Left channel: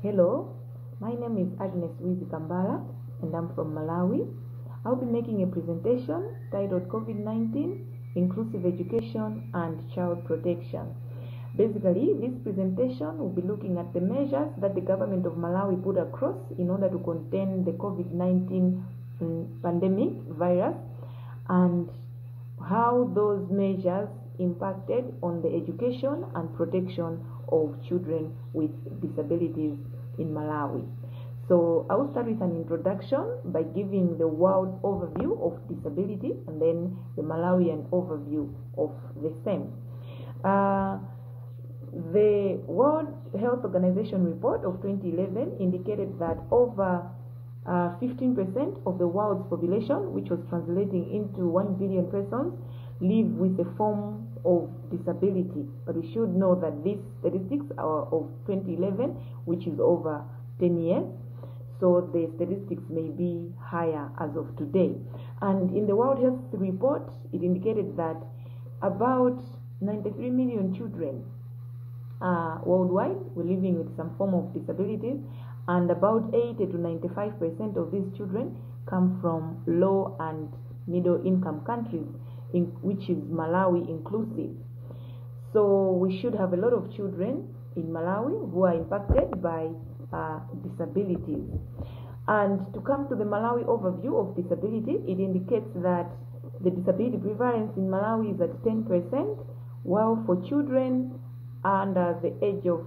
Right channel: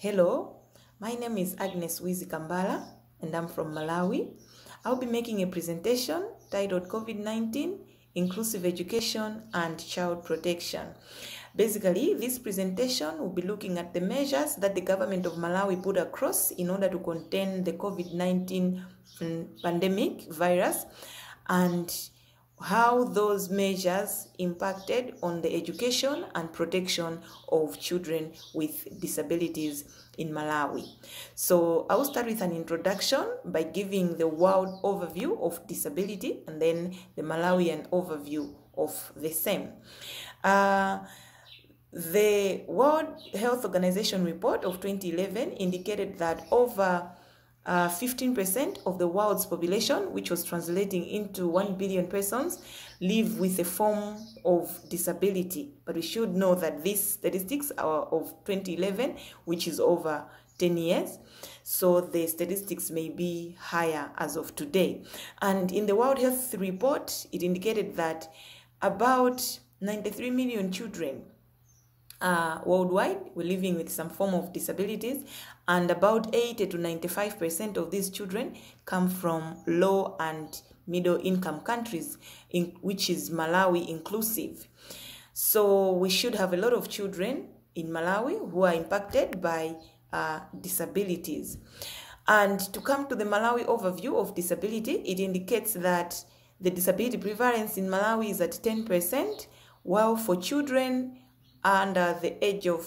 Hello, my name is Agnes Wizi-Kambala and I'm from Malawi. I'll be making a presentation titled COVID-19, Inclusive Education and Child Protection. Basically, this presentation will be looking at the measures that the government of Malawi put across in order to contain the COVID-19 pandemic virus and how those measures impacted on the education and protection of children with disabilities in Malawi. So I will start with an introduction by giving the world overview of disability and then the Malawian overview of the same. The World Health Organization report of 2011 indicated that over 15% of the world's population, which was translating into 1 billion persons, live with a form of disability. But we should know that these statistics are of 2011, which is over 10 years. So the statistics may be higher as of today. And in the World Health Report, it indicated that about 93 million children worldwide were living with some form of disabilities, and about 80 to 95% of these children come from low and middle income countries, which is Malawi inclusive. So we should have a lot of children in Malawi who are impacted by disabilities. And to come to the Malawi overview of disability, it indicates that the disability prevalence in Malawi is at 10%, while for children under the age of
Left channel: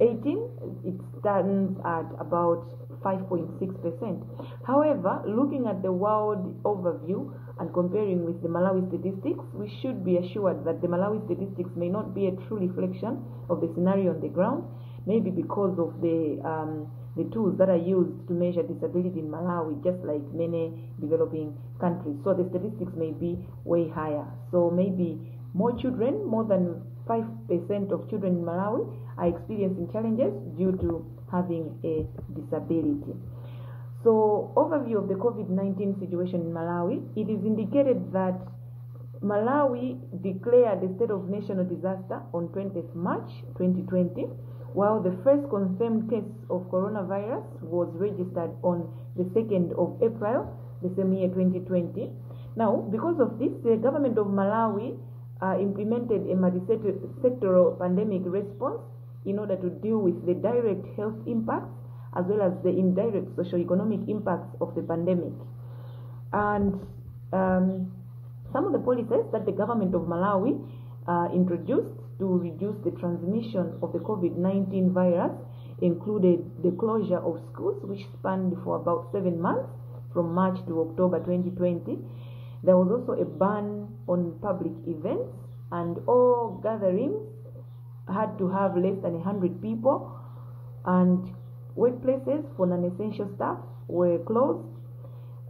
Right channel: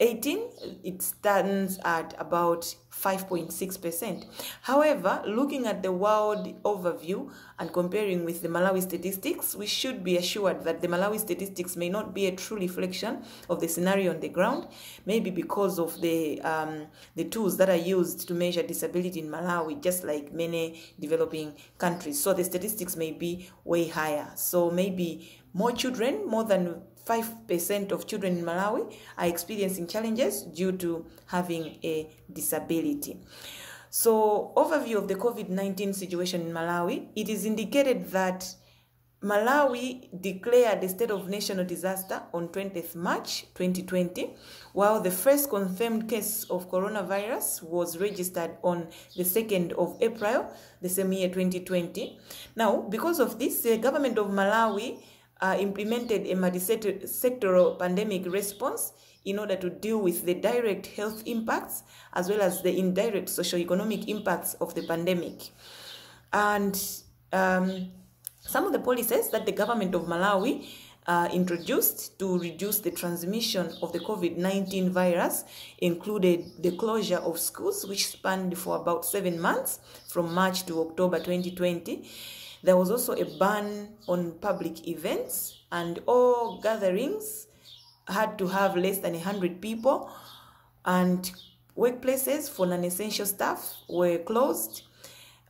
18, it stands at about 5.6%. However, looking at the world overview and comparing with the Malawi statistics, we should be assured that the Malawi statistics may not be a true reflection of the scenario on the ground, maybe because of the tools that are used to measure disability in Malawi, just like many developing countries. So the statistics may be way higher. So maybe more than 5% of children in Malawi are experiencing challenges due to having a disability. So, overview of the COVID-19 situation in Malawi, it is indicated that Malawi declared a state of national disaster on 20th March 2020, while the first confirmed case of coronavirus was registered on the 2nd of April, the same year 2020. Now, because of this, the government of Malawi implemented a multi-sectoral pandemic response in order to deal with the direct health impacts as well as the indirect socio-economic impacts of the pandemic. And some of the policies that the government of Malawi introduced to reduce the transmission of the COVID-19 virus included the closure of schools, which spanned for about 7 months from March to October 2020. There was also a ban on public events, and all gatherings had to have less than 100 people, and workplaces for non-essential staff were closed.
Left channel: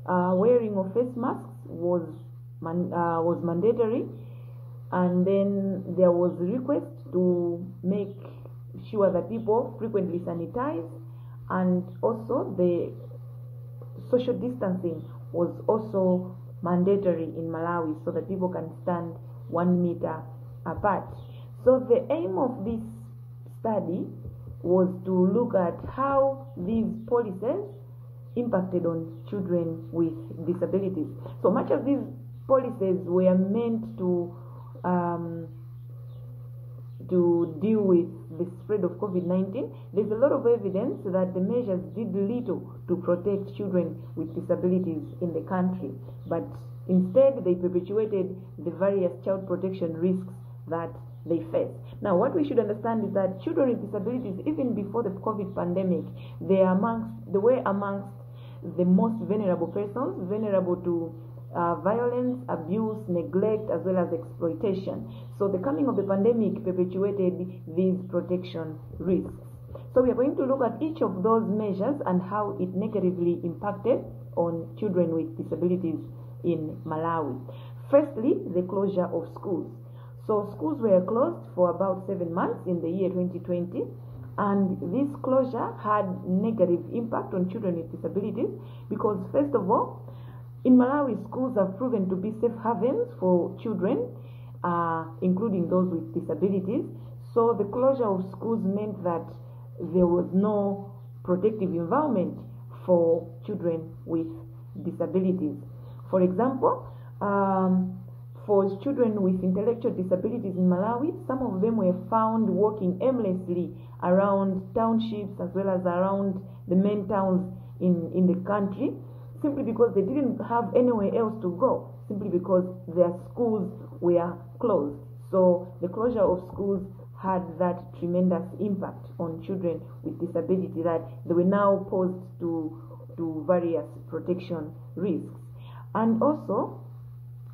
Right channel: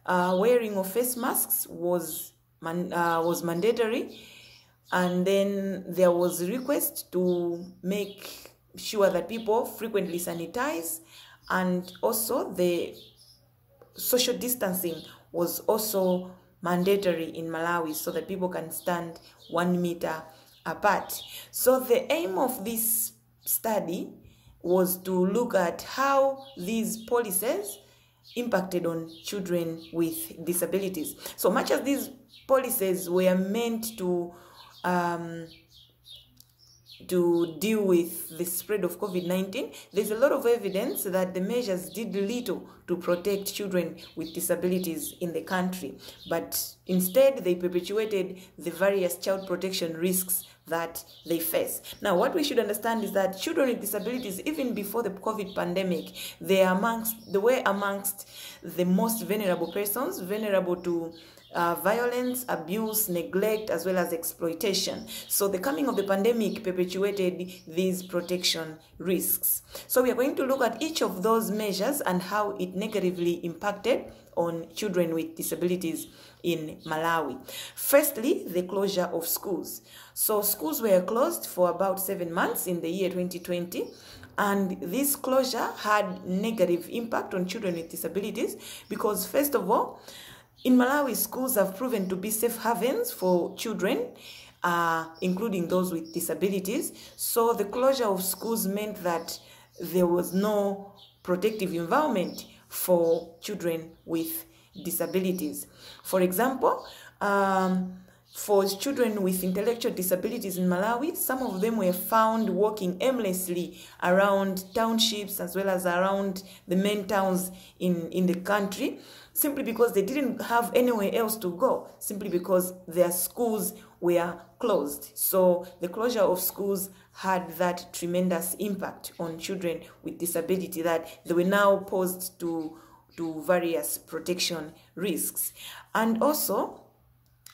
Wearing of face masks was mandatory, and then there was a request to make sure that people frequently sanitize, and also the social distancing was also mandatory in Malawi so that people can stand 1 meter apart. So the aim of this study was to look at how these policies impacted on children with disabilities. So much as these policies were meant to deal with the spread of COVID-19, there's a lot of evidence that the measures did little to protect children with disabilities in the country, but instead they perpetuated the various child protection risks that they face. Now, what we should understand is that children with disabilities, even before the COVID pandemic, they were amongst the most vulnerable persons, vulnerable to violence, abuse, neglect, as well as exploitation. So the coming of the pandemic perpetuated these protection risks. So we are going to look at each of those measures and how it negatively impacted on children with disabilities in Malawi. Firstly, the closure of schools. So schools were closed for about 7 months in the year 2020. And this closure had negative impact on children with disabilities because, first of all, in Malawi, schools have proven to be safe havens for children, including those with disabilities. So the closure of schools meant that there was no protective environment for children with disabilities. For example, for children with intellectual disabilities in Malawi, some of them were found walking aimlessly around townships as well as around the main towns in the country, simply because they didn't have anywhere else to go, simply because their schools were closed. So the closure of schools had that tremendous impact on children with disability, that they were now posed to various protection risks. And also,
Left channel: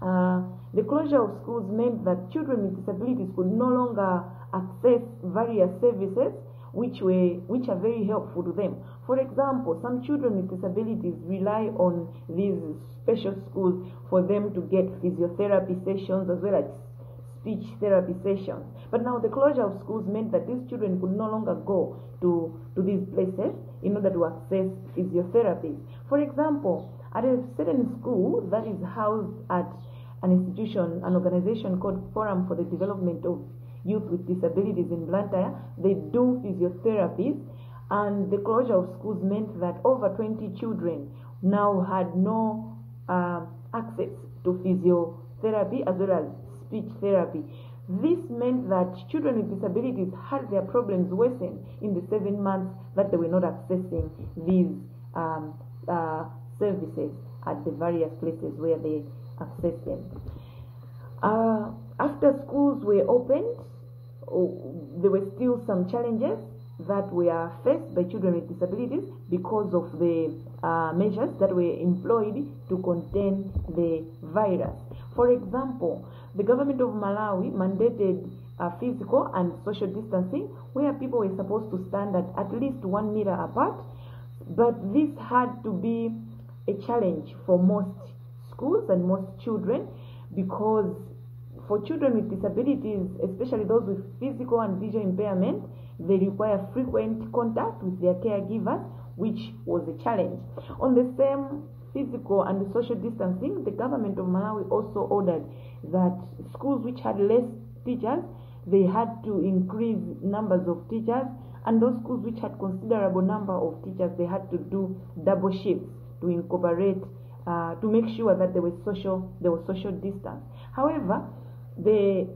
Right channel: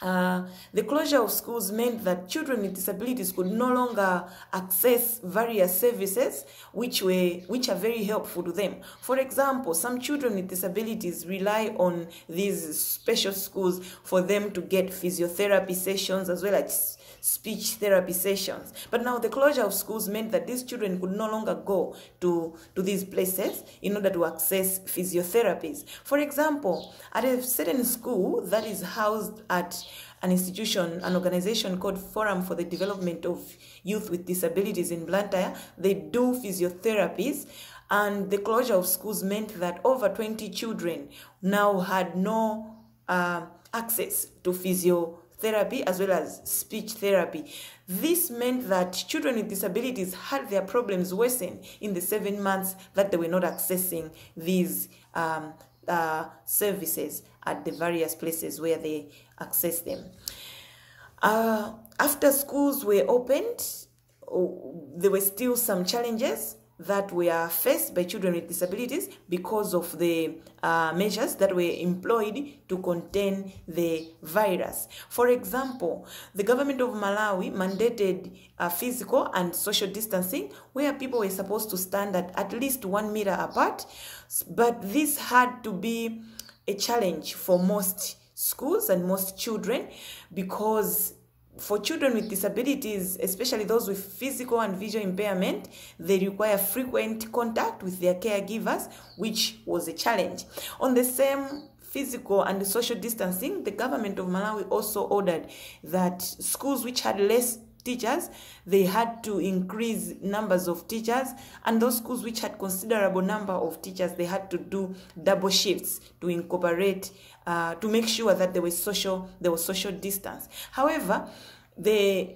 the closure of schools meant that children with disabilities could no longer access various services which are very helpful to them. For example, some children with disabilities rely on these special schools for them to get physiotherapy sessions as well as speech therapy sessions. But now the closure of schools meant that these children could no longer go to these places in order to access physiotherapies. For example, at a certain school that is housed at an institution, an organization called Forum for the Development of Youth with Disabilities in Blantyre, they do physiotherapies, and the closure of schools meant that over 20 children now had no access to physiotherapy as well as speech therapy. This meant that children with disabilities had their problems worsen in the 7 months that they were not accessing these services at the various places where they access them. After schools were opened, there were still some challenges that were faced by children with disabilities because of the measures that were employed to contain the virus. For example, the government of Malawi mandated physical and social distancing, where people were supposed to stand at least 1 meter apart, but this had to be a challenge for most schools and most children, because for children with disabilities, especially those with physical and visual impairment, they require frequent contact with their caregivers, which was a challenge. On the same physical and social distancing, the government of Malawi also ordered that schools which had less teachers, they had to increase numbers of teachers, and those schools which had considerable number of teachers, they had to do double shifts to incorporate to make sure that there was social distance. However, the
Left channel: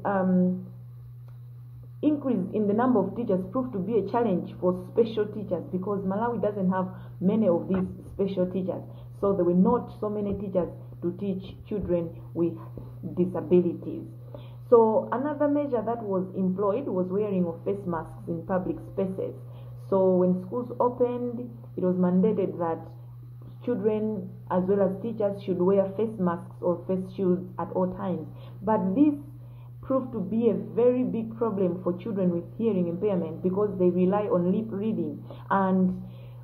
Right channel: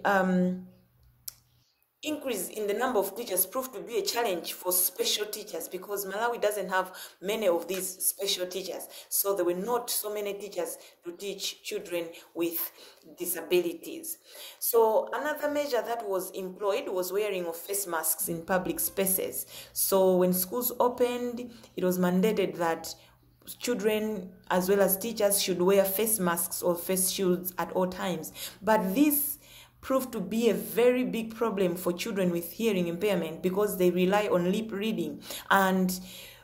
increase in the number of teachers proved to be a challenge for special teachers, because Malawi doesn't have many of these special teachers. So there were not so many teachers to teach children with disabilities. So another measure that was employed was wearing of face masks in public spaces. So when schools opened, it was mandated that children as well as teachers should wear face masks or face shields at all times. But this proved to be a very big problem for children with hearing impairment, because they rely on lip reading. And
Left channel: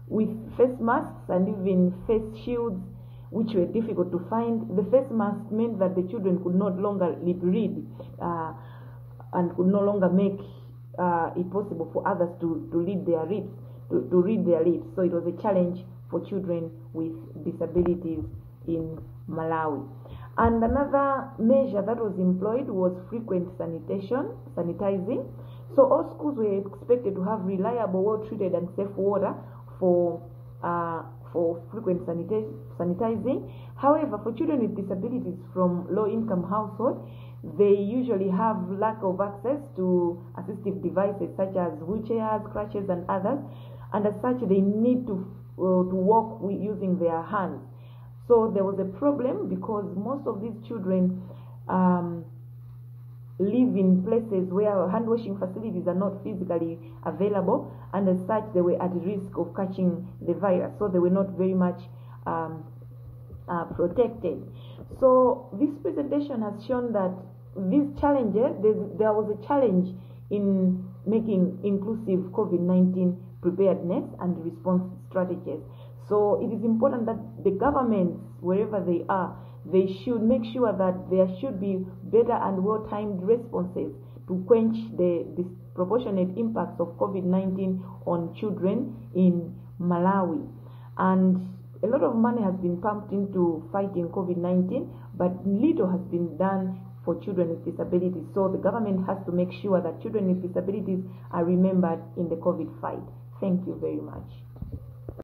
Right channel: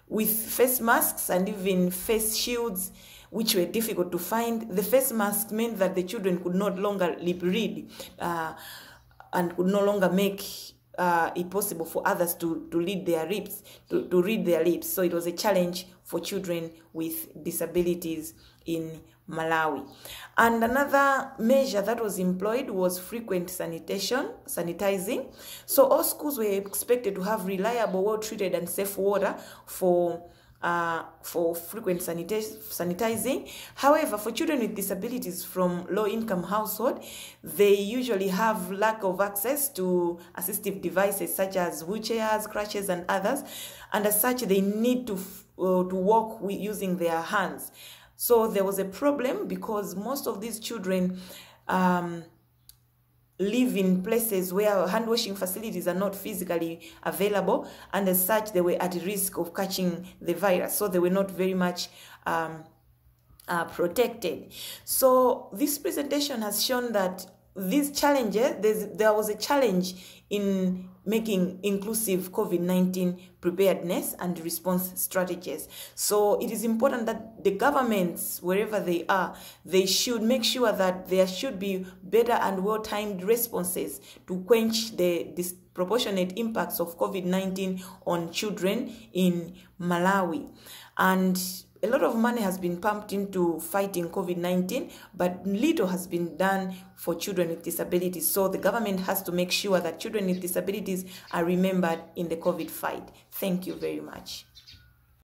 with face masks and even face shields, which were difficult to find, the face mask meant that the children could no longer lip read and could no longer make it possible for others to read their lips, to read their lips. So it was a challenge for children with disabilities in Malawi. And another measure that was employed was frequent sanitizing. So all schools were expected to have reliable, well-treated and safe water for frequent sanitizing. However, for children with disabilities from low-income households, they usually have lack of access to assistive devices such as wheelchairs, crutches, and others, and as such, they need to walk using their hands. So there was a problem, because most of these children live in places where hand washing facilities are not physically available, and as such they were at risk of catching the virus, so they were not very much protected. So this presentation has shown that these challenges, there was a challenge in making inclusive COVID-19 preparedness and response strategies. So it is important that the governments, wherever they are, they should make sure that there should be better and well-timed responses to quench the disproportionate impacts of COVID-19 on children in Malawi. And a lot of money has been pumped into fighting COVID-19, but little has been done for children with disabilities. So the government has to make sure that children with disabilities are remembered in the COVID fight. Thank you very much.